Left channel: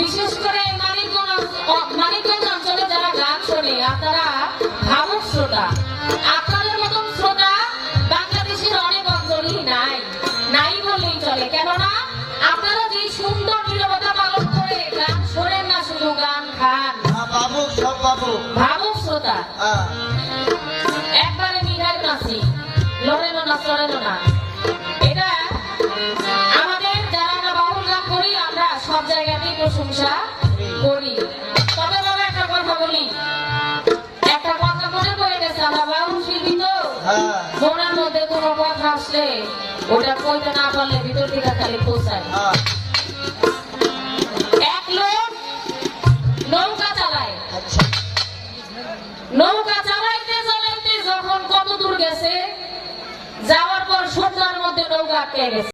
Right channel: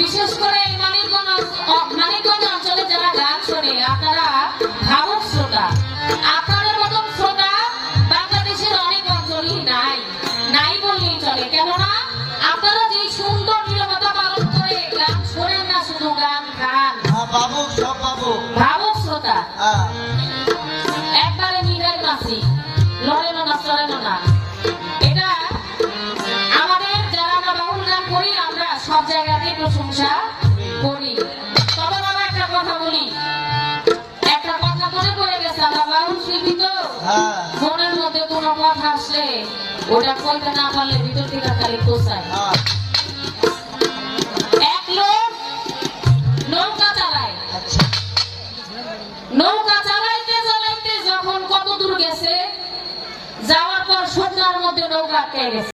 বিশেষ করে মানিকগঞ্জ অঞ্চলে যারা গান শোনে, আপনারা ভাবুক শ্রোতা। আপনাদের মতন শ্রোতা বাংলাদেশের অনেক অঞ্চলই নাই বললেই চলে। কেননা আপনারা যে সুন্দর নীরবতা পালন করে গান শোনেন না, শুধু গান খান। ভাবুক শ্রোতা, একবারে নিগার নাচি, লড়েন না চলেন না। এটা আমাদের যারা আমরা বাউল গান করি, আমরা সব জায়গাতেই প্রশংসা করি। তবে বাবা একটা কথা বলি, একটা কথা মনে পড়ে গেছে, আমরা বাউল শিল্পী তো, মনের মধ্যে কোনো কথা আসলে ওটা কইতে না পারলে ভিতর থেকে খালি পৌঁছায়। এক লোক নৌকা চালায়, নৌকা চালাইতে চালাইতে যখন কত দূর গেছে, যাওয়ার পর সন্ধ্যার মধ্যে নৌকা আটকে গেছে।